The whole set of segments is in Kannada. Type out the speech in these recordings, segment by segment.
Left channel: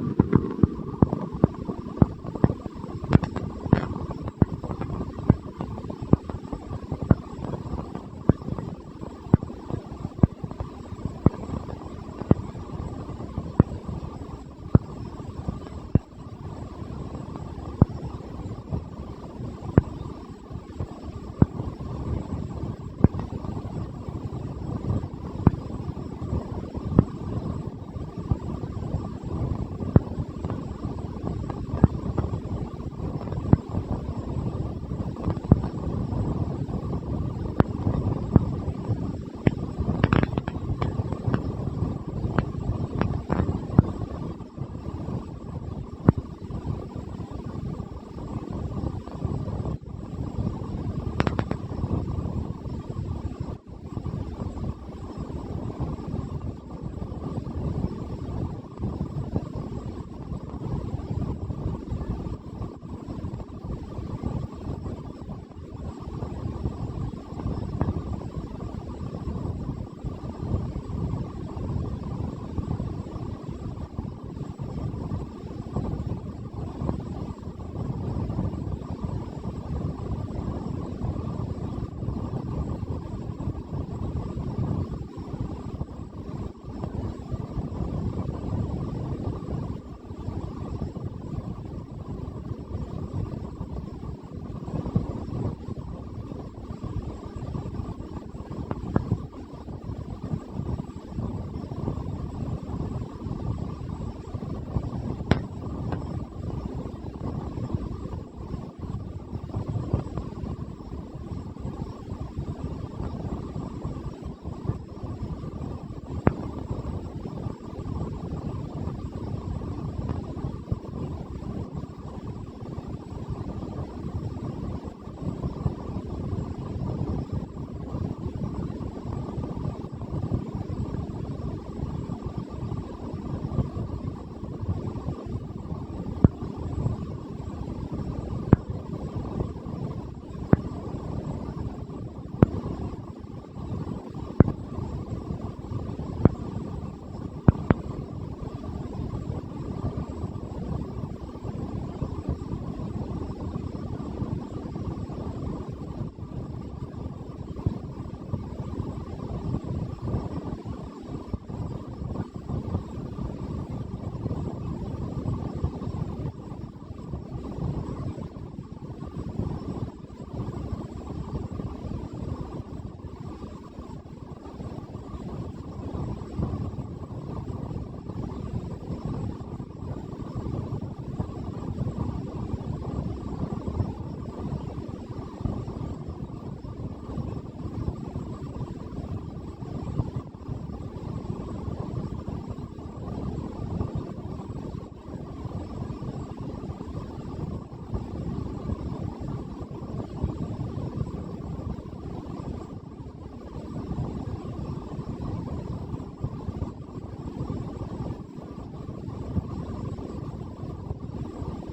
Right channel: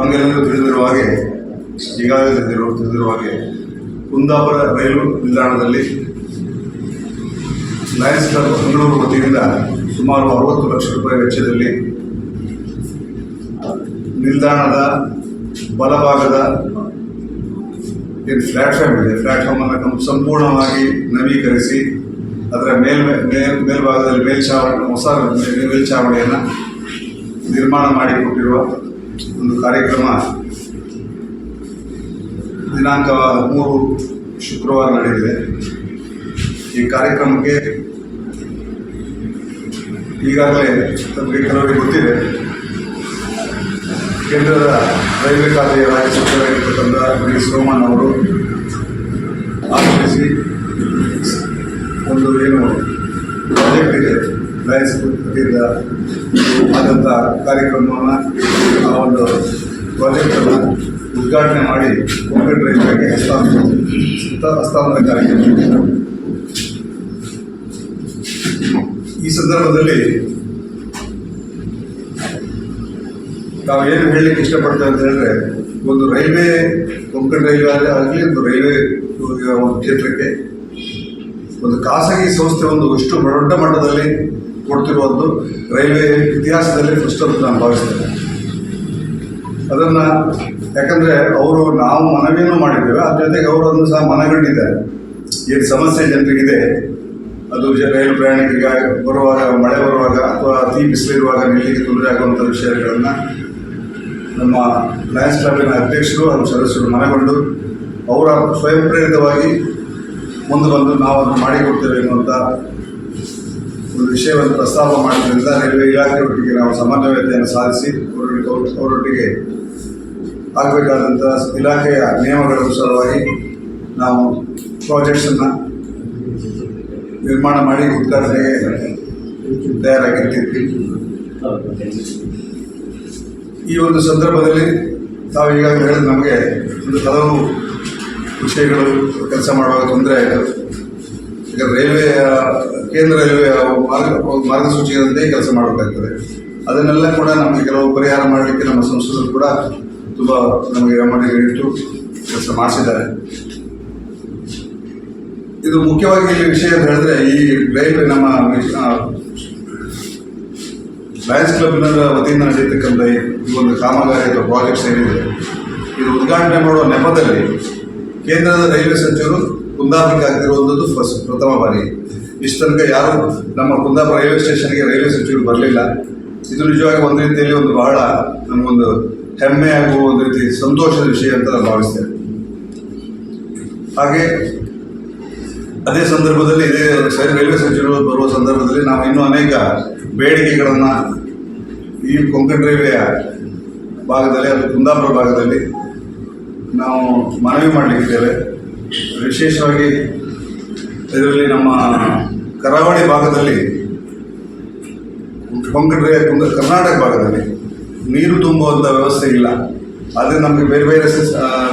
ತಮಗೆಲ್ಲರೂ ತಿಳಿದಿರುವ ಹಾಗೆ, ಈಗಾಗಲೇ ತಿಳಿದಿರುವ ತಿಳಿದಿರುವ ಹಾಗೆ, ಕುಂದಾಪುರ ರೈಲು ನಿಲ್ದಾಣದಲ್ಲಿ ಲಯನ್ಸ್ ಕ್ಲಬ್ ಬೆಂಗಳೂರು ವತಿಯಿಂದ ಸುಮಾರು ಅರವತ್ತು ಲಕ್ಷ ರೂಪಾಯಿ ವೆಚ್ಚದಲ್ಲಿ ನಿಲ್ದಾಣದ ಬಲಭಾಗದ ಏನು ಪ್ಲ್ಯಾಟ್ಫಾರ್ಮ್ ಇದೆ ಪ್ಲ್ಯಾಟ್ಫಾರ್ಮನ್ನು ಸಂಪೂರ್ಣವಾಗಿ ನವೀಕರಿಸಿ, ಅದರ ಮೇಲ್ಮೆ, ಮೇಲ್, ಮೇಲ್ಭಾಗದಲ್ಲಿ ಮೇಲ್ಛಾವಣಿ ಹೊಸ ಮೇಲ್ಛಾವಣಿಯನ್ನು ನಿರ್ಮಾಣ ಮಾಡಿಕೊಟ್ಟಿರುವ ಒಂದು ಕಾರ್ಯಕ್ರಮ. ದಿನಾಂಕ ಮೂರು ಶುಕ್ರವಾರ ನಡೆದಿದೆ. ಈ ಕಾರ್ಯಕ್ರಮಕ್ಕೆ ಈಗಾಗಲೇ ತಮಗೆ ಕೆಲವರಿಗೆ ಗೊತ್ತಿದೆ. ಕೇಂದ್ರದ ರೈಲ್ವೆ ಖಾತೆಯ ರಾಜ್ಯ ಸಚಿವರಾಗಿರ್ತಕ್ಕಂಥ ಡಿ. ಸೋಮಣ್ಣ ಅವರು ಆಗಮಿಸಿ ಒಂದು ಏನು ಪ್ರಾಜೆಕ್ಟ್ ಇದೆ. ಲಯನ್ಸ್ ವತಿಯಿಂದ ಆದಂಥ ಕಾರ್ಯಕ್ರಮವನ್ನು ಆ ಒಂದು ಪ್ರಾಜೆಕ್ಟನ್ನು ಉದ್ಘಾಟನೆ ಮಾಡಿ ಕಂಪ್ಯೂಟರ್ ರೈಲ್ವೆಗೆ ಹಸ್ತಾಂತರ ಹಸ್ತಾಂತರ ಕಾರ್ಯಕ್ರಮ ಈ ಸಂದರ್ಭದಲ್ಲಿ ನಾವು ಏನು ಹೇಳಲಿಕ್ಕೆ ಇಷ್ಟಪಡ್ತೇವೆ ಅಂತ ಹೇಳಿದ್ರೆ, ಒಂದು ರೈಲ್ವೆ, ಕೊಂಕಣ ರೈಲ್ವೆ ಆಗಲಿ, ಒಂದು ರೈಲ್ವೆ ಒಂದು ಕ್ಷೇತ್ರಕ್ಕೆ ಒಂದು ಖಾಸಗಿ ಸಂಸ್ಥೆ ಒಂದು ಎಷ್ಟು ದೊಡ್ಡ ಮಟ್ಟದಲ್ಲಿ ಕೊಡ್ತಿರುವುದು ರೈಲ್ವೆ ಇತಿಹಾಸದಲ್ಲಿ ಫಸ್ಟ್ ಅಂತ ನಾನು ಭಾವಿಸ್ತೇನೆ. ಅದನ್ನು ಯಾಕಂದರೆ ಅವರು ನಾವು ಮನವಿಯನ್ನು ಮಾಡಿದ್ದೇವೆ, ಅದ್ರ ಜೊತೆಗೆ ಅವರು ಅದನ್ನು ಸಹ ಮನಗಂಡಿದ್ದಾರೆ. ಏನು ಸಮಸ್ಯೆ ಜನರಿಗಿದೆ, ಅದು ರೈಲು ಪ್ರಯಾಣಿಕರಿಗೆ ಬರುವಾಗ, ಮಳೆ ಬರುವಾಗ ಅಥವಾ ಅತಿ ಬಿಸಿಲಿರುವಾಗ ನಿಲ್ಲಿಗೆ ತೊಂದರೆ ಆಗುವಂಥ ವಿಷಯಗಳನ್ನು ನಮ್ಮ ಲಯನ್ಸ್ ಕ್ಲಬ್ಬಿನ ಅಧ್ಯಕ್ಷರು ಹಾಗೂ ಸದಸ್ಯರು ಮನಗೊಂಡು, ಅವರ ಸ್ವಯಂ ಪ್ರೇರಿತವಾಗಿ ಮುಂದೆ ಬಂದು ನಾವು ಅದನ್ನು ಮಾಡಿಕೊಡ್ತೇವೆ ಎನ್ನುವಂಥ ಒಂದು ವಿಷಯವನ್ನು ಪ್ರಸ್ತಾಪ ಮಾಡಿದ್ರಿಂದ ರೈಲ್ವೆ ಇಲಾಖೆಯೊಟ್ಟಿಗೆ ನಾವು ಸಮನ್ವಯತೆಯನ್ನು ಸಾಧಿಸಿ ಅವರೊಟ್ಟಿಗೆ ಅವರೊಟ್ಟಿಗೆ ಆಗಬೇಕಾದಂಥ ಇಲಾಖೆಯ ನಿಯಮಗಳ ಅನುಸಾರವಾಗಿ ನಾವು ಪ್ರಾಜೆಕ್ಟ್ಸನ್ನು ನಿರ್ಮಾಣ ಮಾಡಿ ಉದ್ಘಾಟನೆಗೆ ತಯಾರಾಗಿರ್ತೀವಿ. ಈ ಒಂದು ಸಂದರ್ಭದಲ್ಲಿ ತಾವು ಈಗಾಗಲೇ ಹೇಳಿದ ನಮಗೆ ಒಂದು ಹಲವು ವಿಷಯಗಳು ಕೆಲಸ ಮಾಡುವಾಗ ತೊಂದರೆ ಆಯಿತು. ಈಗ ರೈಲ್ವೆ ಕೇಂದ್ರ ರೈಲ್ವೆ ಮಾರ್ಗ ಮಾರ್ಗಸೂಚಿಯಂತೆ ಕೆಲಸ ಮಾಡಬೇಕಾಗ್ತದೆ ಅದನ್ನೆಲ್ಲ ಕೂಡ ನಮಗೆ ಕೆಲವು ಪರಿಹಾರ ಮಾಡಲಿಕ್ಕೆ ನಮ್ಮ ಸಂಸದರು ಕೂಡ ತುಂಬ ನಮಗೆ ಗಮನ ಇಟ್ಟು ಕೆಲಸ ಮಾಡಿಸಿದ್ದಾರೆ. ಇದು ಮುಖ್ಯವಾಗಿ ಇಲ್ಲಿ ವಿಷಯ ಅಂತ ಹೇಳಿದ್ರೆ ಈ ರೈಲ್ವೆ ನಮ್ಮ ಲಯನ್ಸ್ ಕ್ಲಬ್ನ ವತಿಯಿಂದ ನಡೆಯತಕ್ಕಂಥ ಈ ಒಂದು ಕಾಮಗಾರಿ ಅಥವಾ ಪ್ರಾಜೆಕ್ಟ್ಸ್ ಏನಿದೆ, ಇದು ಉದ್ಘಾಟನೆ ಮಾಡುವ ನೆಪದಲ್ಲಿ ಕೇಂದ್ರದ ರೈಲ್ವೆ ಸಚಿವರು ಕುಂದಾಪುರಕ್ಕೆ ಆಗ್ತಿರುವಂಥದ್ದು ಫಸ್ಟ್, ಪ್ರಥಮ ಬಾರಿ. ಇಷ್ಟು ತನಕ ಯಾರು ನಮ್ಮ ಕುಂದಾಪುರ ರೈಲ್ವೆ ಸ್ಟೇಷನ್ಗೆ ರೈಲ್ವೆ ಸಚಿವರು ಬರಲಿಲ್ಲ. ಇದು ನಿಜವಾಗಿ ಒಂದು ರೀತಿಯಲ್ಲಿ ಒಂದು ಬಹಳ ನಮಗೊಂದು ಹೆಮ್ಮೆ ಆಗುವ ಒಂದು ರೀತಿ ಸಂತೋಷದ ವಿಷಯ ಅಂತ ನಾನು ಭಾವಿಸ್ತೇನೆ. ಹಾಗೆ ಅದೇ ಸಂದರ್ಭದಲ್ಲಿ ಇದೇ ರೈಲ್ವೆ ಸಚಿವರು ಬರುವ ಸಂದರ್ಭದಲ್ಲಿ ನಾವು ಇನ್ನೂ ಅನೇಕ ಬೇಡಿಕೆಗಳನ್ನು ಈ ಕೊಂಕಣ ರೈಲ್ವೆಯ ಭಾಗದಲ್ಲಿ ಅದು ಕುಂದಾಪುರ ಭಾಗದಲ್ಲಿ ನಾವು ಮನವಿ ಮಾಡಲಿಕ್ಕಿದ್ದೇವೆ. ವಿಶೇಷವಾಗಿ ಇದರಲ್ಲಿ ನಮ್ಮ ಕರಾವಳಿ ಭಾಗದಲ್ಲಿ ಕೊಂಕಣ ಕರ್ನಾಟಕ ಭಾಗದಲ್ಲಿ ನೀರು ತುಂಬುವಂಥ ವ್ಯವಸ್ಥೆ ಇಲ್ಲ. ಆದರೆ ನಮಗೆ ಬೇರೆ ಬೇರೆ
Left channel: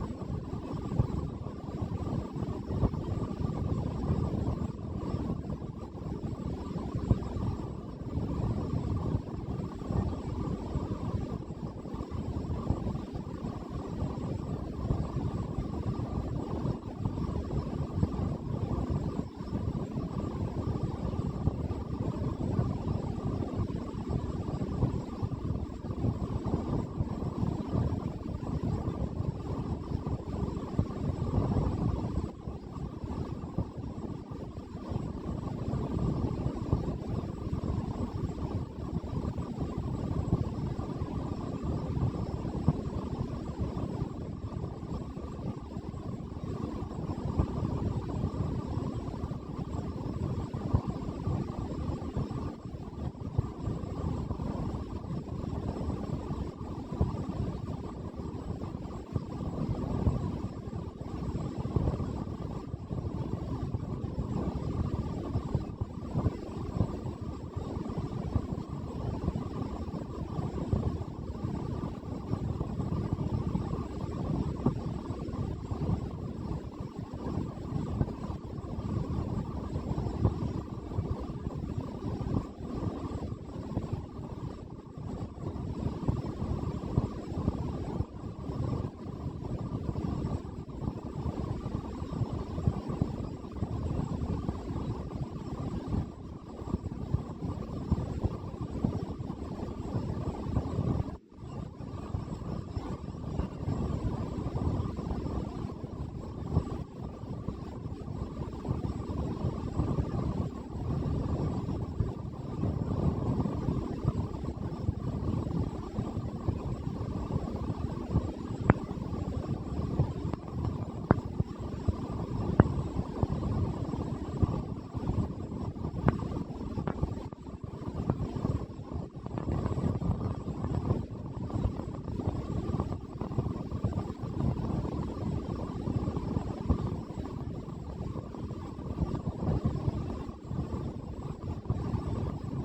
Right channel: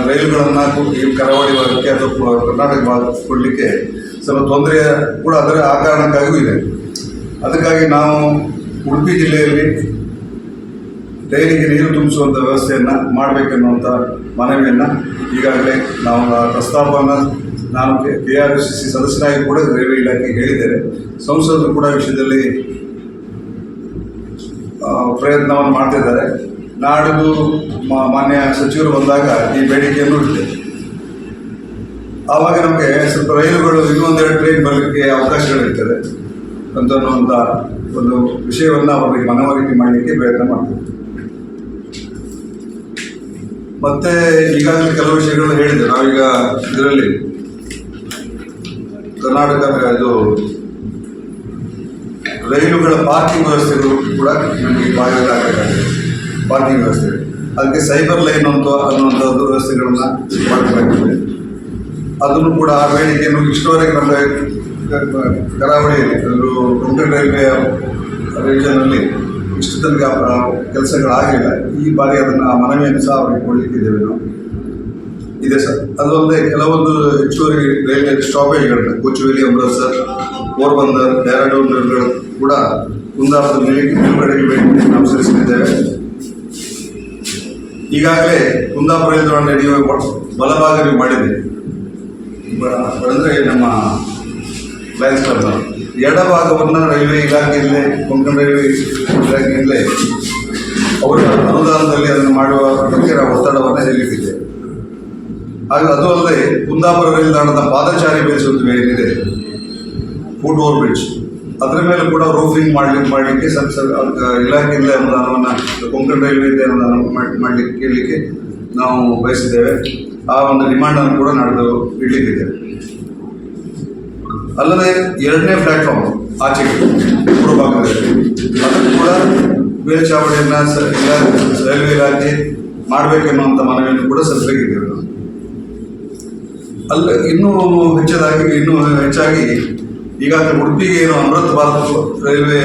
ರೈಲುಗಳನ್ನು ಈ ಕರಾವಳಿ ಭಾಗಕ್ಕೆ ಅಥವಾ ಕರ್ನಾಟಕ ಭಾಗಕ್ಕೆ ಕೊಡಲಿಕ್ಕೆ ಸ್ವಲ್ಪ ತೊಂದರೆ ಕೂಡ ಅದರ ಆ ಕಾರಣಕ್ಕಾಗಿಯೂ ಇದೆ. ಅದಕ್ಕಾಗಿ ನಾವು ಉಡುಪಿ ಜಿಲ್ಲೆಯಲ್ಲಿ ಡೈರಿಗೆ ನೀರು ತುಂಬಿಸುವಂಥ ವ್ಯವಸ್ಥೆಯನ್ನು ಮಾಡಬೇಕೆನ್ನುವಂಥ ಮನವಿಯನ್ನು ಈಗಾಗಲೇ ನಾವು ಪ್ರಸ್ತಾಪವನ್ನು ನಾನು ಕೆ ಆರ್ ಎಸ್ ಸಿ ಸದಸ್ಯರಾಗಿ ಕೂಡ ರೈಲ್ವೆ ಇಲಾಖೆಗೆ ಹೇಳಿದ್ದೇನೆ. ಸಂಸದರು ಕೂಡ ವಿಷಯದಲ್ಲಿ ಪ್ರಯತ್ನವನ್ನು ಮಾಡ್ತಿದ್ದಾರೆ. ನಾಡಿದ್ದು ಮಾನ್ಯ ಸಚಿವರು ಬಂದಾಗ ಈ ಬೇಡಿಕೆಯನ್ನು ಇಟ್ಟಿದೆ ಆವಾಗ ನಮಗೆ ಸ್ವಲ್ಪ ರೈಲುಗಳು ಇನ್ನೊಂದೆರಡು ಟ್ರೈನ್ ಬರಲಿಕ್ಕೆ ಅವಕಾಶಗಳಿರ್ತದೆ. ಅಂತ ಅನ್ನುವಂಥ ಒಂದು ವಿಷಯವನ್ನು ಅವರಿಗೆ ಮನವರಿಕೆ ಮಾಡಲಿಕ್ಕೆ ಪ್ರಯತ್ನ ಮಾಡ್ತೀವಿ. ಮತ್ತೆ ಈಗಾಗಲೇ ಕೆಲವು ವಿಷಯಗಳು ಹೇಳಿದೆ ನಾವೀಗ ಇದರಲ್ಲಿ ಕರ್ನಾಟಕ ಇದು ರೈಲುಗಳ ಪಾರ್ಕಿಂಗ್ ವ್ಯವಸ್ಥೆಗಳು ಕೂಡ ನಮಗೆ ಬಾಧ್ಯತೆ ಪಾರ್ಕಿಂಗ್ ವ್ಯವಸ್ಥೆ. ಅದಕ್ಕೆ ಸೈಬರ್ ಲೈನ್ ಅಂತ ಅನ್ನುವಂಥದ್ದು ವ್ಯವಸ್ಥೆಗಳನ್ನು ಮಾಡಬೇಕಾಗಿದೆ. ಅದನ್ನು ಕೂಡ ಆ ಬೇಡಿಕೆಯನ್ನು ಇಷ್ಟವರೆಗೆ ನಮ್ಮ ಕರಾವಳಿಯಲ್ಲಿ, ಅದು ಕೊಂಕಣ ರೈಲ್ವೆ ರೀಜನಲ್ಲಿ ಇಷ್ಟು ತನಕ ಕೆಲಸಗಳಾಗಿಲ್ಲ. ಈ ಬಾರಿ ಅದನ್ನು ಆ ಮನವಿಯನ್ನು ಸಹ ಅವರಿಗೆ ಕೊಡಲಿಕ್ಕಿದ್ದೇವೆ ನಾವು. ಇದೆ ಸರ್. ಅದಲ್ಲದೆ ಕೆಲವೊಂದು ಹೆಚ್ಚುವರಿ ರೈಲ್ವೆ ಸ್ಟಾಪೇಜ್ಗಳಿವೆ ಕೊಚುವೇಲಿ ಅಮೃತ್ಸರ್, ಪೋರ್ಬಂದರ್, ಡೆಹ್ರಾಡೂನ್ ರೈಲುಗಳು ಕೂಡ ಕುಂದಾಪುರದಲ್ಲಿ ನಿಲ್- ನಿಲುಗಡೆಗೆ ನಾವು ಈಗಾಗಲೇ ಕುಂದಾಪುರ ನಿಲ್ದಾಣ ನಡೆಯುವ ಬಲಭಾಗ ಮಾಡಿದೆ. ಅಂದರೆ ನಮ್ಮ ಲಯನ್ಸ್ ಕ್ಲಬ್ನ ಎಡಭಾಗವನ್ನು ರೈಲ್ವೆ ಇಲಾಖೆಯಲ್ಲೇ ಕೊಂಕಣ ರೈಲ್ವೆ ಇಲಾಖೆಯಲ್ಲೇ ಅವರ ಅನುದಾನದಲ್ಲಿ ಅದನ್ನು ಮಾಡುವ ಬಗ್ಗೆ ನಾವು ಒತ್ತಡವನ್ನು ಹೇರಲಿಕ್ಕಿದೆ ಹಾಗೆ ಅದು ಅಲ್ಲದೆ ಕುಂದಾಪುರ ನಿಲ್ದಾಣದ ಪಾದಚಾರಿ ಬೇಯಿಸುವುದು ಏನಿದೆ ಫುಟ್ ಓವರ್ ಬ್ರಿಡ್ಜ್ ಅದರ ಮೇಲೆ ಕೂಡ ರೂಫಿಂಗ್ ಮಾಡ್ಲಿಕ್ಕೆ ಮಾಡಲಿಕ್ಕೆ ಸ್ವಲ್ಪ ಸ್ವಲ್ಪ ಅದಕ್ಕೆ ಇಲಾಖೆಯಿಂದ ಅನುದಾನವನ್ನು ಕೊಂಕಣ ರೈಲ್ವೆಯಿಂದ ಅನುದಾನ ಮಾಡ್ಲಿಕ್ಕೆ, ಕೇಳಲಿಕ್ಕೆ ನಾವು ಬಯಸಿದ್ದೇವೆ. ಆ ಒಂದು ಡಿಮ್ಯಾಂಡನ್ನು ಕೂಡ ನಾಡಿದ್ದು ಇಡಲಿಕ್ಕಿದ್ದೇವೆ ಅಲ್ಲದೆ ಎರಡನೇ ಪ್ಲಾಟ್ಫಾರ್ಮ್ ಆಚೆಗೆ ಪೂರ್ವ ಭಾಗದಲ್ಲಿ. ಅದನ್ನು ಕೂಡ ಮೇಲ್ಚಾವಣಿಯನ್ನು ಸ- ರೈಲ್ವೆ ಇಲಾಖೆ ಮಾಡಬೇಕೆನ್ನುವಂಥ ಮನವಿಯನ್ನು ಕೂಡ ಸಲ್ಲಿಸಬೇಕಿದ್ದೇವೆ ನಾವು ಅಲ್ಲ, ಇನ್ನೂ ಹೆಚ್ಚದಾಗಿ, ಇನ್ನೂ ಹೆಚ್ಚಾಗಿ ಈಗಾಗಲೇ ಉಡುಪಿಗೆ ಏನು ಅಮೃತ್ ಭಾರತ್ ರೈಲ್ವೆ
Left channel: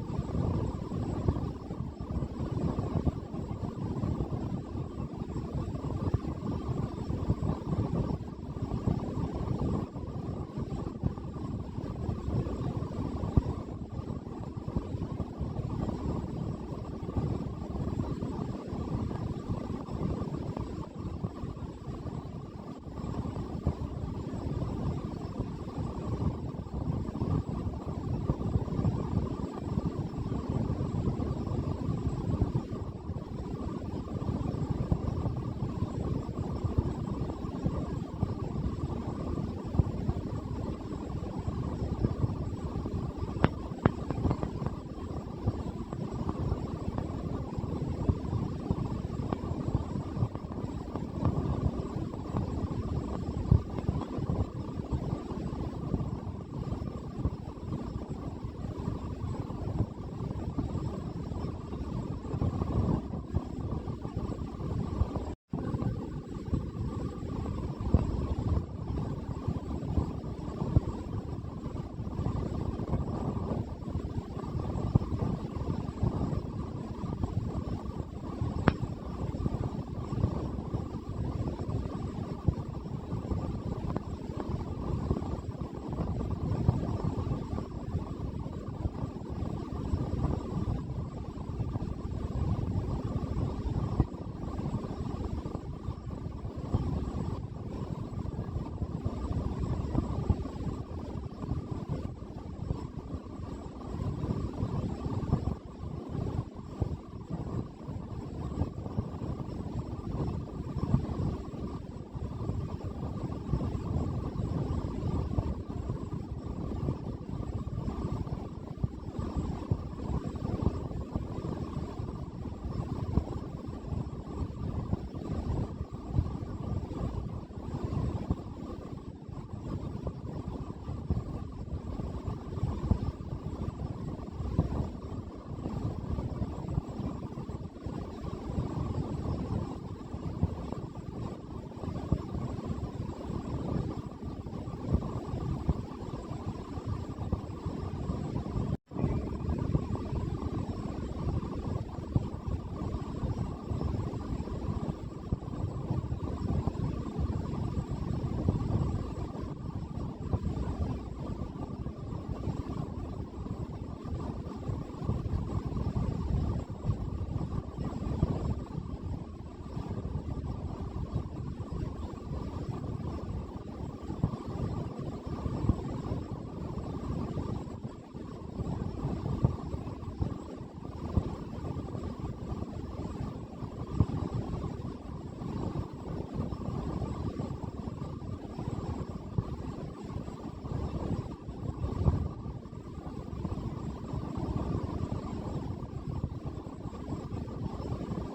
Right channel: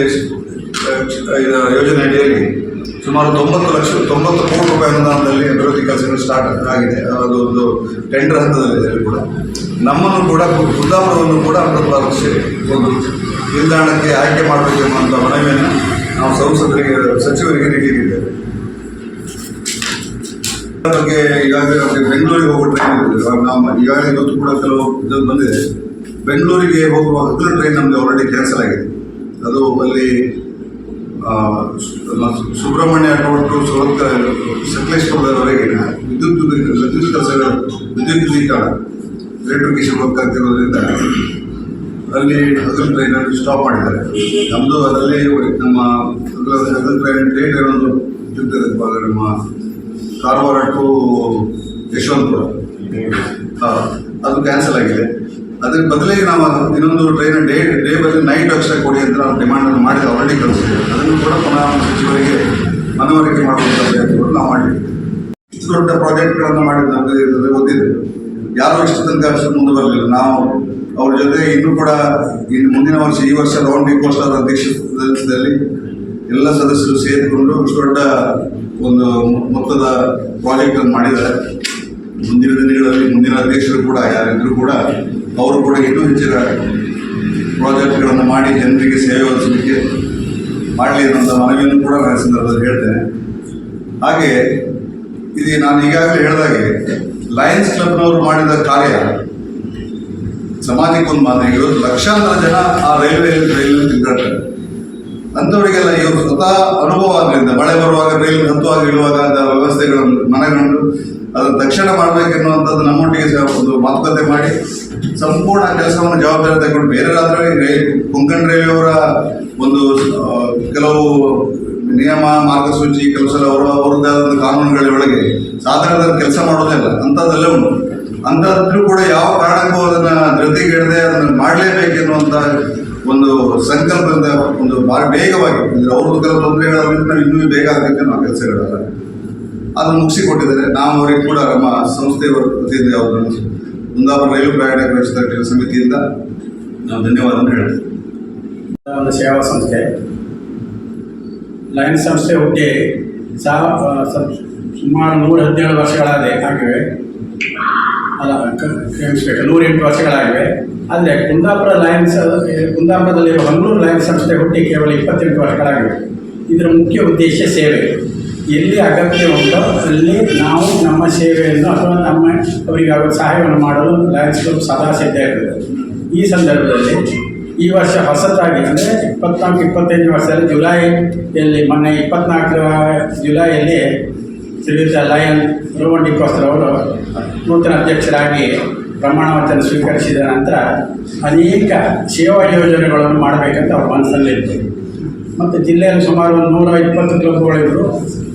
ಯೋಜನೆ ಅಡಿಯಲ್ಲಿ ಸುಮಾರು ತೊಂಬತ್ತು ಲಕ್ಷ, ತೊಂಬತ್ತು ಕೋಟಿ ರೂಪಾಯಿ ಅನುದಾನದಲ್ಲಿ ಅಭಿವೃದ್ಧಿ ಕೆಲಸಗಳು ಸ್ಟಾರ್ಟ್ ಆಗಿದೆ. ಅದು ಒಂದು ಟೆಂಡರ್ ಹಂತದಲ್ಲಿದೆ ಅಲ್ಲಿ ಕೂಡ. ನಮ್ಮನ್ನು ಕೂಡ, ಕುಂದಾಪುರವನ್ನು ಕೂಡ ಅಮೃತ ಒಂದು ನಿಲ್ದಾಣಕ್ಕೆ ಆಯ್ಕೆ ಮಾಡಬೇಕೆನ್ನುವಂಥ ಮನವಿಯನ್ನು ನಾವು ಸಂಸದರಿಗೆ, ಸಚಿವರಿಗೆ ನೀಡಿದ್ದೇವೆ. ಬಗ್ಗೆ ಈಗಾಗಲೇ ಬೆಂಗಳೂರಿಗೆ ಹೋಗುವ ಟ್ರೈನ್ ಇವಾಗ ನಾವು ಈಗಾಗಲೇ ಇವತ್ತು ಕೂಡ ಕೆಲವು ಇದು ಬಂದಿದೆ. ಬೆಂಗಳೂರಿಗೆ ಹೋಗುವ ಹಗಲು ಟ್ರೈನ್ ನಮಗೆ ಆಲ್ರೆಡಿ ಕ್ಯಾನ್ಸಲ್ ಆಗಿದೆ. ಅದು ಅಲ್ಲಿ ನಮ್ಮ ಸುಬ್ರಹ್ಮಣ್ಯ ಟು ಸುರತ್ ಸಕಲೇಶ್ವರದವರೆಗಿನ ವಿದ್ಯುತ್ ವಿದ್ಯುತ್ ಕೆಲಸಗಳು ವಿದ್ಯುತ್ ದೀಕರಣ ಎಲೆಕ್ಟ್ರಿಕೇಶನ್ ವರ್ಕ್ ಆಗ್ತಿರೋದ್ರಿಂದ ಅಲ್ಲಿ ಹಗಲು ಟ್ರೈನ್ ಸ್ಟಾಪ್ ಮಾಡಿದ್ದಾರೆ. ನಮ್ಮದು ಅದರಲ್ಲಿ ನಮ್ಮ ಹಗಲ್ ಟ್ರೈನ್ ಡೇಟ್ ಏನೊಂದು ಇರ್ತದೆ ನಮ್ಮ ಕಾರವಾರ ಟು ಯಶವಂತಪುರ. ಹಾಂ ಅದು ಕ್ಯಾನ್ಸಲ್ ಆಗಿದೆ. ಅದಕ್ಕೆ ಬದಲಿಗೆ ನಾವು ಇನ್ನೊಂದು ಟ್ರೈನ್ ಡೇ ಡೇ ಬದಲು ನೈಟ್ ಅಕ್ಷರ ಕೊಡಿ ಅಂತ ನಾವು ಡಿಮಾಂಡನ್ನು ಮಾಡಿ ಆಲ್ರೆಡಿ ಕಳಿಸಿದ್ದೇವೆ ಅದನ್ನು ಕೂಡ ಪುನಃ ಸಚಿವರಿಗೆ ಮನವರಿಕೆ ಮಾಡುವಂಥ ಕೂಡ ನಾವು ಮಾಡಿದ್ದೀವಿ ಇಷ್ಟು ದೊಡ್ಡ ಪ್ರಾಜೆಕ್ಟ್ಗಳನ್ನು ಮಾಡಿದ ಗೊತ್ತಿದೆ. ಯಾರು ಇಷ್ಟು ತನಕ ಅಷ್ಟು ಮುಂದೆ ಬರಲಿಲ್ಲ. ನಾವು ಅವ್ರ ಜೊತೆ ಇನ್ನೂ ಕೂಡ ಇನ್ನು ಮುಂದಿನ ವರ್ಷ, ಈ ವರ್ಷ ರೌಂಡ್ ಡಿ ಕೋಸ್ಟ್ ಅವರ ಅಧ್ಯಕ್ಷತೆಯಲ್ಲಿ ಎಲ್ಲ ಸದಸ್ಯರು ಸೇರಿಕೊಂಡು ಇಷ್ಟು ದೊಡ್ಡ ಒಂದು ಮೊತ್ತದ ಪ್ರಾಜೆಕ್ಟನ್ನು ಮಾಡಿದ್ದಾರೆ. ಮುಂದಿನ ದಿನಗಳಲ್ಲಿ ಮುಂದಿನ ಅಧ್ಯಕ್ಷರು ಕೂಡ, ಯಾರಿದ್ರು ಕೂಡ ಅವರು ಕೂಡ ಇನ್ನೂ ಹೆಚ್ಚಿನ ಪ್ರಾಜೆಕ್ಟ್ಗಳನ್ನು ಮಾಡಿ ಜನರಿಗೆ ಸೇವೆ ಒದಗಿಸಲಿಕ್ಕೆ ಮಾಡಲಿ ಅನ್ನೋಂಥ ಮನವಿಯನ್ನು ಕೂಡ ನಾನು ಸಂದರ್ಭದಲ್ಲಿ ಹೇಳ್ತೇನೆ. ಹಾಗೆ ಇದು ನಾನು ಈಗಾಗಲೇ ಹೇಳಿದಾಗೆ ಲಯನ್ಸ್ ಕ್ಲಬ್ನವರು ಮಾಡಿದ ಕಾರ್ಯ ಸಮಾಜಕ್ಕೆ ಒಂದು ಮಾದರಿ ಇವತ್ತು ಲಕ್ಷಾಂತರ ಜನ ಆ ರೈಲ್ವೆ ರೈಲಿನಲ್ಲಿ ಇದ್ದಾರೆ ಅಂಥವರಿಗೆಲ್ಲ ಇವರು ಸ್ವತಃ ಅನುಭವ ಆಗಲಿಂದ, ಮಳೆ ಬರುವಾಗ ರೈಲು ಹತ್ತುವಾಗ ಇಳುವಾಗ ಅಂತ ವ್ಯವಸ್ಥೆಗಳನ್ನು ಮನಗಂಡು ಅದನ್ನು ತಕ್ಷಣ ಮಾಡಬೇಕೆನ್ನುವಂಥದ್ದು ನಮ್ಮೊಟ್ಟಿಗೆ ಒಂದು ಮಾತುಕತೆ ಮಾಡಿ ಸಂಪೂರ್ಣ ಕೆಲಸವನ್ನು ಜವಾಬ್ದಾರಿ ತಗೊಂಡು ಬೇರೆ ರಾತ್ರಿ ರೈಲ್ ಕೊಂಕಣ ರೈಲ್ವೆಯವರ ಒಂದು ಕೆಲವು ನಿಯಮ, ಮಾರ್ಗಸೂಚಿ, ಕೆಲವು ಸಲ ಅವರ, ಅವರದ್ದೇ ಆದ ಕಾನೂನುಗಳ ಒಳಗೆ ಸಾಧಾರಣದಲ್ಲಿ ಕೆಲಸ ಮಾಡೋದೇ ಇಲ್ಲ ಅಂಥದ್ದೆಲ್ಲ ಉಂಟು. ಅಂಥದ್ರೂ ಕೂಡ ಯಾವ ಕಾರಣಕ್ಕೂ ಅದನ್ನ ಧೃತಿಗೆಡದೆ ಅದನ್ನು ಮಾಡಲೇಬೇಕೆನ್ನುವಂಥ ಒಂದು ಸಂಕಲ್ಪದಿಂದ ಒಂದು ಭಾಳ ವೇಗವಾಗಿ, ಅಂದ್ರೆ ಅವ್ರದ್ದು ಕೆಲವು ತೊಂದರೆಗಳಿಂದ ನಾವು ಇನ್ನೂ ಬೇಗ ಆಗಬೇಕು ನಾವು ಕೆಲಸಗಳಲ್ಲ. ಅದನ್ನು ಮುಗಿಸಿಕೊಟ್ಟಿದ್ದಾರೆ. ನಾವು ಅವರಿಗೆ ಕೂಡ ನಮ್ಮ ಸಂಸ್ಥೆಯ ಪ್ರತಿನಿಧಿ ಅವರನ್ನು ಕುಂದಾಪುರ ರೈಲು ಪ್ರಯಾಣ ವ್ಯವಸ್ಥೆ ಸಮಿತಿಯಿಂದ ನಾವು ಧನ್ಯವಾದ ಹೇಳ್ತೇವೆ ಒಂದು ಸೇವಾ ಸಂಸ್ಥೆ. ಲೈನ್ ಸಂಸ್ಥೆ ಹುಟ್ಟಿ ಸುಮಾರು ನೂರ ಹದಿನೇಳು ವರ್ಷಗಳಾದ ಆಗಿವೆ. ಅಲ್ಲ ಕ್ಷಮಿಸ್ಬೇಕು ನೂರೆಂಟು ವರ್ಷಗಳಾಗಿವೆ. ಆದರೆ ಕುಂದಾಪುರ ಲಯನ್ಸ್ ಕುಂದಾಪುರದಲ್ಲಿರುವ ಮಂಗಳೂರು ಲಯನ್ಸ್ ಸಂಸ್ಥೆ ಹುಟ್ಟಿ ಕೇವಲ ಇಪ್ಪತ್ತೆಂಟು ವರ್ಷಗಳಾಗಿವೆ. ಇದರ ಮುಖ್ಯ ಉದ್ದೇಶ ಸೇವೆ. ಎಲ್ಲಿ ಅಗತ್ಯ ಉಂಟೋ ಅಲ್ಲಿ ನಾವು ನಮ್ಮ ಸೇವೆಯನ್ನು ಅಥವಾ ನಮ್ಮ ಅವರಿಗಾಗುವ ಸಹಾಯವನ್ನು ಮಾಡಲು ಲಯನ್ಸ್ ಕ್ಲಬ್ ಸದಾ ಸಿದ್ಧ ಇರ್ತದೆ ಈ ಸಂದರ್ಭದಲ್ಲಿ ಈ ವರ್ಷ ಹೊಸತಾಗಿ ಅಂದರೆ ಇಪ್ಪತ್ನಾಲ್ಕು ಇಪ್ಪತ್ತೈದು ವರ್ಷದಲ್ಲಿ ಜುಲೈಯಲ್ಲಿ, ಮೊನ್ನೆ ಇಪ್ಪತ್ನಾಲ್ಕು ಜುಲೈಯಲ್ಲಿ ಶ್ರೀಯುತ ಲಯನ್ ರೋಮನ್ ಡಿಕೋಸ್ಟರ್ ಅವರು ನೂತನ ಅಧ್ಯಕ್ಷರಾಗಿ ಪ್ರಮಾಣ ವಚನ ಸ್ವೀಕರಿಸಿದ ನಂತರ ಅನೇಕ ಸೇವಾ ಯೋಜನೆಗಳನ್ನು ಮಾಡಬೇಕಂತ ಅವ್ರ ಮನಸ್ಸಲ್ಲಿತ್ತು. ಮತ್ತು ಜಿಲ್ಲೆಯಲ್ಲಿ ಸುಮಾರು ಒಂದು ನೂರ ಇಪ್ಪತ್ತು ಕ್ಲಬ್ಗಳಿದ್ರು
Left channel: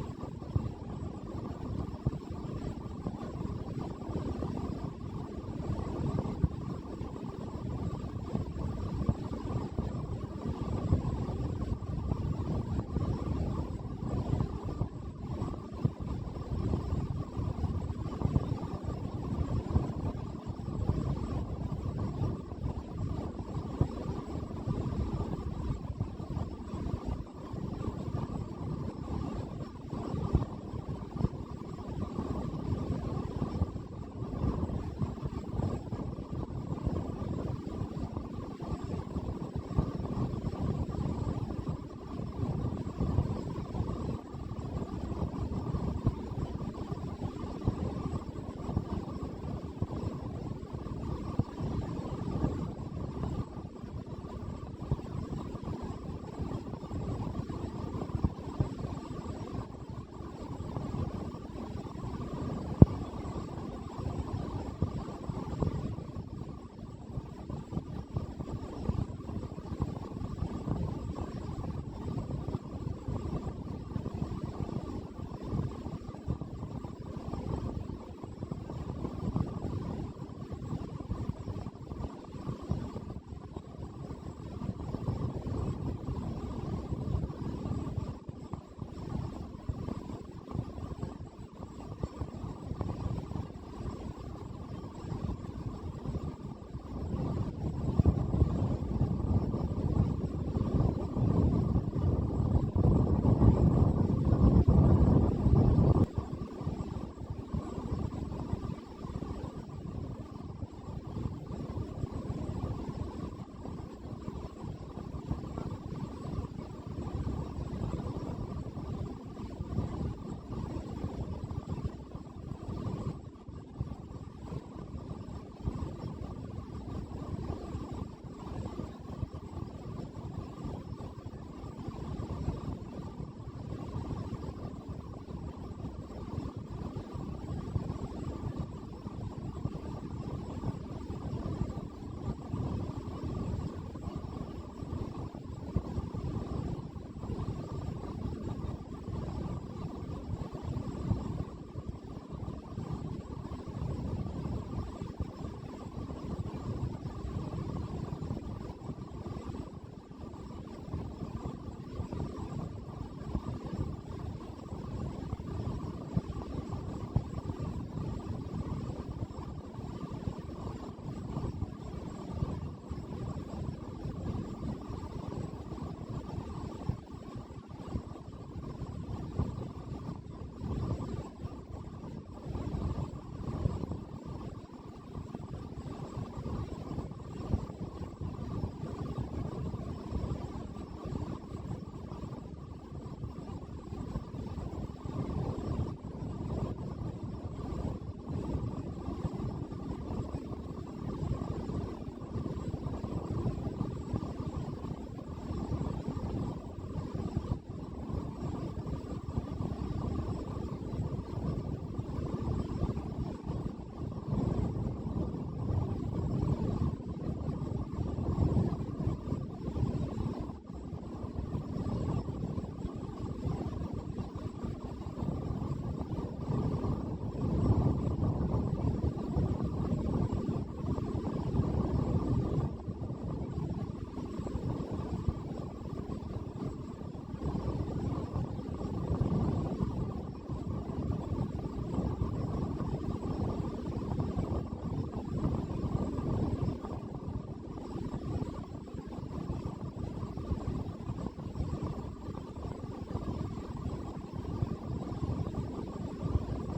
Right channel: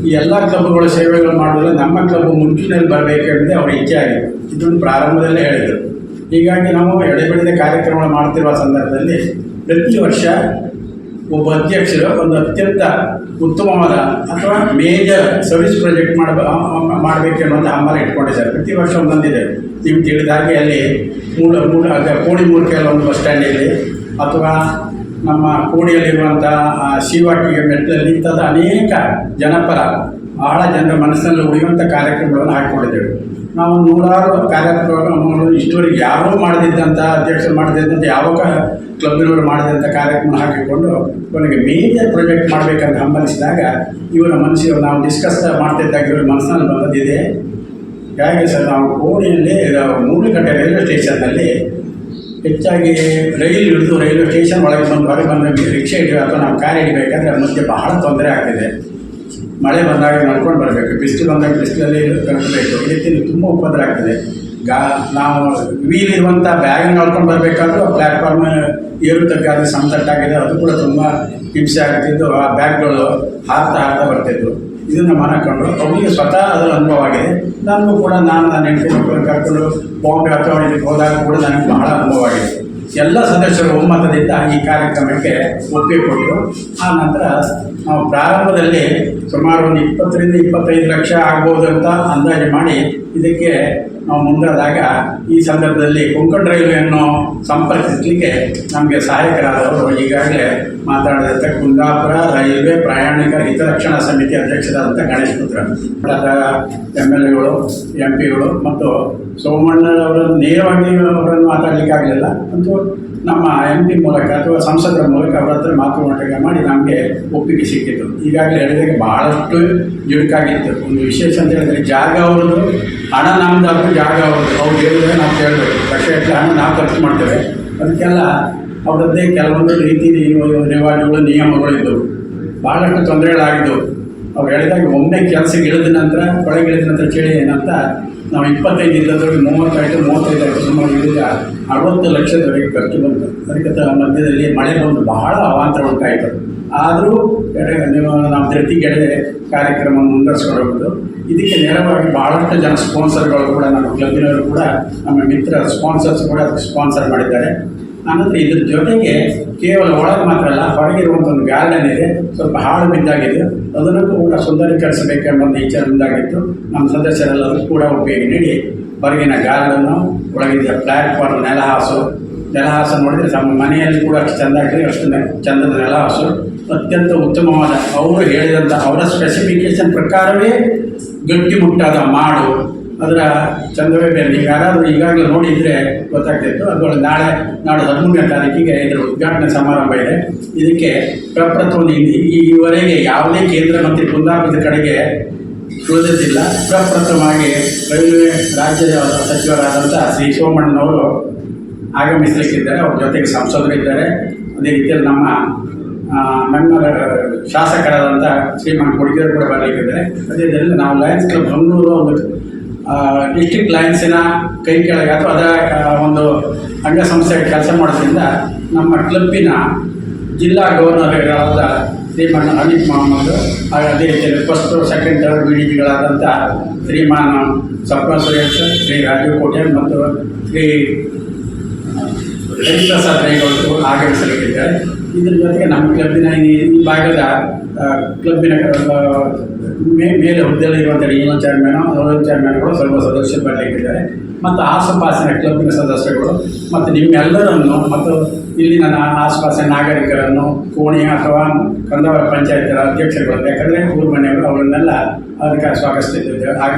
ಈ ಎಲ್ಲ ಕ್ಲಬ್ಗಳ ಸೇವೆಗಳು ಮಾಡಿದ್ರೆ ನಮ್ಮ ಕ್ಲಬ್ ಮುಂಚೂಣಿಯಲ್ಲಿ ಬರಬೇಕೆಂಬುದೇ ಅವರ ಇಚ್ಛೆ ಆಗಿದೆ ಇದನ್ನು ಪ್ರಾರಂಭದಲ್ಲೇ ಹೇಳಿದರು. ಹೀಗಾಗಿ ನಾವು ಎಡೆಬಿಡದೆ ಕಾರ್ಯಕ್ರಮಗಳು ಮಾಡ್ತಿರುವ ಸಂದರ್ಭದಲ್ಲಿ ಪ್ರತಿ ವರ್ಷ ಒಬ್ಬ ಅಧ್ಯಕ್ಷರು ಒಂದು ಅತ್ಯಂತ ಉತ್ತಮವಾದ ಅಥವಾ ಮೇಜರ್ ಸರ್ವಿಸ್ ಪ್ರಾಜೆಕ್ಟ್ ಮಾಡಬ ಮಾಡಬೇಕೆನ್ನುವಂಥ ಹಂಬಲ ಇಟ್ಕೊಂಡಿದ್ದಾರೆ. ಪ್ರತಿ ವರ್ಷ ಒಂದೊಂದಿದೆ. ನಿಮ್ಗೆ ತಿಳಿದ ಹಾಗೆ ಅಲ್ಲಿ ಮೂಲ ಮೂಲ ಕೋಡಿ ಮೂರ್ಕೆಲ್ಲ ಒಂದು ಬಸ್ ಸ್ಟ್ಯಾಂಡ್ ಇದೆ. ಅಥವಾ ನಮ್ಮ ಕೋಡಿಯಲ್ಲಿರುವಂಥ ಶಿವಾಟಿಗೆ ಮೆಟ್ಟಲಲ್ಲಿ ಇಂಥದ್ದು ಅನೇಕ ಜನಪರ, ಬಹಳ ಜನರ ಮನಸ್ಸಿನಲ್ಲಿ ಉಳಿಯುವಂಥ ಕಾರ್ಯಕ್ರಮಗಳನ್ನು ಹಾಕಿಕೊಂಡಿದ್ದೇವೆ. ನಾವು ನೂರಾರು ಕಾರ್ಯಕ್ರಮಗಳನ್ನು ಇಷ್ಟವರೆಗೆ ಯಾರೂ ಮಾಡದಿದ್ದಂಥ ಅಧ್ಯಕ್ಷರು ಮಾಡದಿದ್ದಂಥ ಯಾವ ಕ್ಲಬ್ನವರು ಮಾಡಿದಂಥ ಕಾರ್ಯಕ್ರಮ ಹಾಕಿಕೊಂಡು, ಕೊನೆಗೆ ಮೇಜರ್ ಪ್ರಾಜೆಕ್ಟ್ ಮಾಡಬೇಕಂತ ಹಂಬಲಿಸಿದಾಗ, ಇವರ ಮನಸ್ಸಿಗೆ ನಾವು ಡಿಸ್ಕಸ್ ಮಾಡ್ತಿದ್ದಾಗ ಇವರ ಮನಸ್ಸಿನಲ್ಲಿ ಬಂದಿದೆ ಹೇಗೆ ಸರ್, ನಾವು ಕೋಣಿಯಲ್ಲಿ ಗಂಟೆ ರೈಲ್ವೆ ಸ್ಟೇಷನ್ನಲ್ಲಿ ಹೆಚ್ಚಾಗಿ ರೈಲು ಹಿಡಿದು ರೈಲ್ವೆ ಸ್ಟೇಷನ್ ಒಳಗೆ ಬಂದು ಹೊರಗೆ ಬಂದು ರಿಕ್ಷಾ ಹಿಡಿಯೋ ಅಥವಾ ನಾವು ಕಾರ್ ಹಿಡಿಬೇಕಾದ್ರೆ ಮಧ್ಯೆ ಬಹಳ ತೊಂದರೆ ಆಗ್ತಿದೆ. ಮಳೆ ಬಂದಾಗ ನಡ್ಕೊಂಡು ಬರಬೇಕು. ಬಿಸಿಲು ಬಂದಾಗ ಬಿಸಿಲಲ್ಲಿ ಕಳ್ಕೊಬೇಕು ಈ ರೀತಿ ತುಂಬ ಉಪದ್ರ ಆಗ್ತದೆ. ಗಾ, ನಾವು ವೀಲ್ ಇರುವಂಥ ಬ್ಯಾಗ್ ನಡ್ಕೊಂಡು ಬರಬೇಕಾದ್ರೂ ಪ್ಲ್ಯಾಟ್ಫಾರ್ಮ್ ಏರುತ್ತಕ್ಕಾದ್ರೆ ಸಮತಟ್ಟಾಗಿದೆ ಅದು ಕೂಡ ತುಂಬ ಹಿಂಸೆ ಆಗ್ತಿದ್ದು ಆ ಬ್ಯಾಗ್ಗಳು ಹಾರ್ತಾ ಹಾರ್ತಾ ಬರ್ತಿದ್ವು. ಇದನ್ನು ಮಾಡಿಕೊಂಡು ಅವರಿಗೆ ಸ್ವತಃ ಅದರ ಅನುಭವ ಆಗಿದೆ ನನಗೂ ಕೂಡ ನಾನು ನನ್ನ ಹೆಂಡತಿ ಮಕ್ಕಳನ್ನು ಕರ್ಕೊಂಡು ಬಾಂಬೆ ಅಥವಾ ಇದಕ್ಕೆ ಹೋದಾಗ ಕೂಡ ನನಗೆ ಬಹಳ ಅನುಭವ ಆಗಿದೆ ಎಲ್ಲ ಸದಸ್ಯರು ಒಮ್ಮತದಿಂದ ಈ ಕಾರ್ಯಕ್ರಮಕ್ಕೆ ಒಪ್ಪಿಗೆ ಕೊಟ್ಟರು. ಆ ನಂತರ ನಾವು ಪ್ರಾರಂಭದಲ್ಲಿ ಸುಮಾರು ಒಂದು ಇಪ್ಪತ್ತರಿಂದ ಇಪ್ಪತ್ತೈದು ಲಕ್ಷ ಆಗ್ಬೋದು ಅಂತ ಅಂದಾಜು ಮಾಡಿ ಇದಕ್ಕೆ ನಾವು ಮುಂದಾದಾಗ ಈ ಸಂದರ್ಭದಲ್ಲಿ ಕೊಂಕಣ ರೈಲ್ವೆಯನ್ನು ಸಂಪರ್ಕಿಸಲಿಕ್ಕೆ ನಮಗೆ ಸಹಾಯಕರಾದವರು ಈಗಾಗಲೇ ಮಾತಾಡಿದಂಥ ಕುಂದಾಪುರ ರೈಲ್ವೆ ಪ್ರಯಾಣಿಕರ ಹಿತರಕ್ಷಣಾ ಸಮಿತಿ ಅಧ್ಯಕ್ಷರಾದಂಥ ಗಣೇಶ್ ಪುತ್ರ ಎಂ ಎಲ್ ಎಗಳು ಎಂ ಪಿಗಳು ಮತ್ತು ಸೋಮಣ್ಣರವರನ್ನು ನೇರವಾಗಿ ಅವರನ್ನು ಮಾತಾಡಲಿಕ್ಕೆ ಆಗಲಿಲ್ಲ ಮತ್ತು ನಮ್ಮ ಎಂ ಪಿ ಮೂಲಕ ಅಥವಾ ಸಂಸದರ ಮೂಲಕ ಅವರ ಹತ್ರ ಮಾತುಕತೆ ಮಾಡಿ ನಮಗೆ ಒಪ್ಪಿಗೆ ಸಿಕ್ಕಿತ್ತು ಈಗಾಗಲೇ ಹೇಳಿದಾಗ ಬಹಳಷ್ಟು ಜುಡುಕಾಗಿತ್ತು ಒಂದು ವಿಶೇಷ ಅಂತ ಹೇಳಿದ್ರೆ ಜಾಗ ಅವ್ರದ್ದು, ಹಣ ನಮ್ದು ಜಾಗ ಅವ್ರದ್ದು. ಅವ್ರು ಹೇಳಿದ್ರೆ ನಾವು ಕೇಳಬೇಕು. ಲಕ್ಷ ಹಣ ನಾವು ಖರ್ಚು ಮಾಡ್ತೇವೆ. ಅದಕ್ಕೆಲ್ಲ ಅವರದ್ದೇ ಕೆಲವೊಂದು ರೀತಿ ರಿವಾಜುಗಳು ನಿಯಮಗಳು ಇದ್ದವು ಭಾಳಷ್ಟು ತೊಂದರೆಗಳಾಗಿದ್ದವು ಅವ್ರು ಹೇಳಿದಾಗ ಒಮ್ಮೆ ಕೆಲಸಕ್ಕೆ ಇಳಿದ ನಂತರ ಕೊಳಗಿಳಿದ ನಂತರ ಚಳಿ ಏನಂತ ನಾವು ಇಪ್ಪತ್ತೈದು ಇದ್ದದ್ರಲ್ಲಿ ಮೂವತ್ತೈದು ಮೂವತ್ತೈದು ಆಯಿತು ಸುಮಾರು ಅರವತ್ತು ಲಕ್ಷದವರೆಗೆ ಖರ್ಚು ಬಂತು. ಅದಕ್ಕೆ ಮಧ್ಯದಲ್ಲಿ ಮಳೆ ಬಂದು ಬಹಳ ಅವಾಂತರ ಉಂಟಾಯಿತು. ಆದರೂ ನೀವು ನಮ್ಮ ಜೊತೆಗೆಡೆ ಕಾರ್ಯಕ್ರಮ ಮುಂದುವರಿಸ್ಕೊಂಡು ಇದಕ್ಕೆ ನೇರವಾಗಿ ಭಾಳಷ್ಟು ಜನ ಸ್ಪಾನ್ಸರ್ಗಳು ಕೂಡ, ನಮ್ಮ ಕ್ಲಬ್ಬಿನವರು ಕೂಡ, ನಮ್ಮ ಮಿತ್ರ ಸ್ಪಾನ್ಸರ್ಸ್ ಕೂಡ ಸ್ಪಾನ್ಸರ್ ಮಾಡಿದ್ದಾರೆ. ಆನಂತರ ಇದ್ರ ಜೊತೆಗೆ ಕೇವಲ ಒಳಗೆ ಮಾತ್ರ ಅಲ್ಲ ಹೊರಗಿರುವಂಥ ಒಂದು ಗಾರ್ಡನ್ ಇದೆ. ಸ್ವಲ್ಪ ಹಾಳು ಬಿದ್ದಾಗಿದೆ. ಅದನ್ನು ಕೂಡ ಸುಂದರೀಕರಿಸಬೇಕೆಂಬ ವಿಚಾರ ಮುಂದಾಗಿತ್ತು. ನಮ್ಮ ಸದಸ್ಯರೆಲ್ಲರೂ ಕೂಡ ಉಪಯೋಗ ನೀಡಿ ಹೊರಗಿನ ಗಾರ್ಡನ್ನು ಒಳಗಿದ್ದ ಪ್ಲಾಟ್ಫಾರ್ಮ್ ನೆಲಹಾಸು ನೆಲಹಾಸು ನೋಡಿದರೆ ತಮ್ಮ ಮನೆಯಲ್ಲಿ ಕೂಡ ಅಷ್ಟು ಚೆಂದ ಆಗಿದೆ ಅಷ್ಟು ಚಂದದ ನೆಲಹಾಸು ಅತ್ಯಂತ ಉತ್ತಮವಾದ, ಅವರು ಹೇಳಿದಂಥ ಅವರ ಸ್ಪೆಸಿಫಿಕೇಶನ್ ಪ್ರಕಾರವೇ ಗಟ್ಟಿಮುಟ್ಟಾದ ಮಾಡು. ಅದರ ಚಂದ್ರವೇ ಬೇರೆ ನೀವು ಯಾರಾದರೂ ಈಗಾಗಲೇ ನೋಡಿದರೆ ಗೊತ್ತಾಗ್ತಿತ್ತು. ಅದು ನಾಳೆ, ನಾಡು ಹದಿಮೂರನೇ ತಾರೀಕಿಗೆ ಇದರ ಉದ್ಘಾಟನೆ ಸಮಾರಂಭ ಇದೆ. ಇದಕ್ಕೆ ಪ್ರಪ್ರಥಮ ಈವರೆಗೆ ಯಾವುದೇ ಕೇಂದ್ರ ಮಂತ್ರಿ ಕುಂದಾಪುರದ ಕಡೆಗೆ ಉಳಿದಿದ್ದಿಲ್ಲ. ಪ್ರಪ್ರಥಮವಾಗಿ ರೈಲ್ವೆ ರಾಜ್ಯದ ಸಚಿವರಾದಂಥ ಶ್ರೀ ಸೋಮಣ್ಣನವರು ಆಗಮಿಸಲಿಕ್ಕಿದ್ದಾರೆ. ಅವ್ರ ಜೊತೆಗೆ ಸಂಸದರಿದ್ದಾರೆ ಅದೇ ರೀತಿಯಲ್ಲಿ ನಮ್ಮ ನಮ್ಮ ಶಾಸಕರಾದಂಥ ಶ್ರೀಮಂತ ಹುಡುಗಿಯರು ಕೂಡ ಬರಲಿಕ್ಕಿದ್ದಾರೆ. ಅದೇ ರೀತಿಯಲ್ಲಿ ನಾವು ಲಯನ್ಸ್ ಕ್ಲಬ್ ಬೆಂಗಳೂರು ಒಂದು ಡಿಸ್ಟ್ರಿಕ್ಟ್ ಲಯನ್ಸಿನ ಕೈ ಕೆಳಗೆ ಅಥವಾ ಅದರ ಒಂದು ಅಂಗಸಂಸ್ಥೆಗೆ ಕೆಲಸ ಮಾಡೋದ್ರಿಂದ ನಮ್ಮ ಕ್ಲಬ್ಬಿನ ಜಿಲ್ಲಾ ಗವರ್ನರ್ಗಳಾದ ಶ್ರೀಮಾನ್ ಅನಿತ್ ಮೊಹಮ್ಮದ್, ಹಾಗೆ ಅದೇ ರೀತಿಯಲ್ಲಿ first second third B D ಪಿಗಳಾದಂಥ ಶ್ರೀಮಾನ್ ಸಪ್ನ ಸುರೇಶ್, ಶ್ರೀ ರಾಜೀವ್ ಕೋಟ್ಯಾನ್ ಮತ್ತು ಶ್ರೀ ಹರಿಪ್ರಸಾದ್ ರೈಗಳು ಆಗಮಿಸಲಿಕ್ಕಿದ್ದಾರೆ. ಇದ್ರ ಜೊತೆಗೆ ನಮ್ಮ ಕ್ಲಬ್ಬಿನ ಈ ಭಾಗದ ಕ್ಲಬ್ಬಿನ ಮೇ ಮೇಲೆ ಹುದ್ದೆಯಲ್ಲಿರುವಂಥ ರೀಜನಲ್ ಚೇರ್ಮನ್ ರೋಯಲ್ ಚೇರ್ಮನ್ಗಳು ಸ್ವಲ್ಪ ಸದಸ್ಯರು ಬರಲಿಕ್ಕಿದ್ದಾರೆ. ಮತ್ತು ಆಸುಪಾಸಿನ ಕ್ಲಬ್ಬಿನ ಸದಸ್ಯರುಗಳು, ಮತ್ತು ನಿಮ್ಮೆಲ್ಲರನ್ನು, ಮತ್ತು ಇಲ್ಲಿ ನನ್ನ ಆಸುಪಾಸಿನ ನಾಗರಿಕರನ್ನು ಕೋಣಿ ಅಥವಾ ಕಂದವರ ಪಂಚಾಯತ್ ಅಧ್ಯಕ್ಷರುಗಳು, ಯಾಕಂದರೆ ಊರು ಮನೆಯವರು ಅವರನ್ನೆಲ್ಲ ಅದಕ್ಕೆ ಸ್ವಾಗತಿಸ್ತಿದ್ದೇವೆ ಹಾಗೆ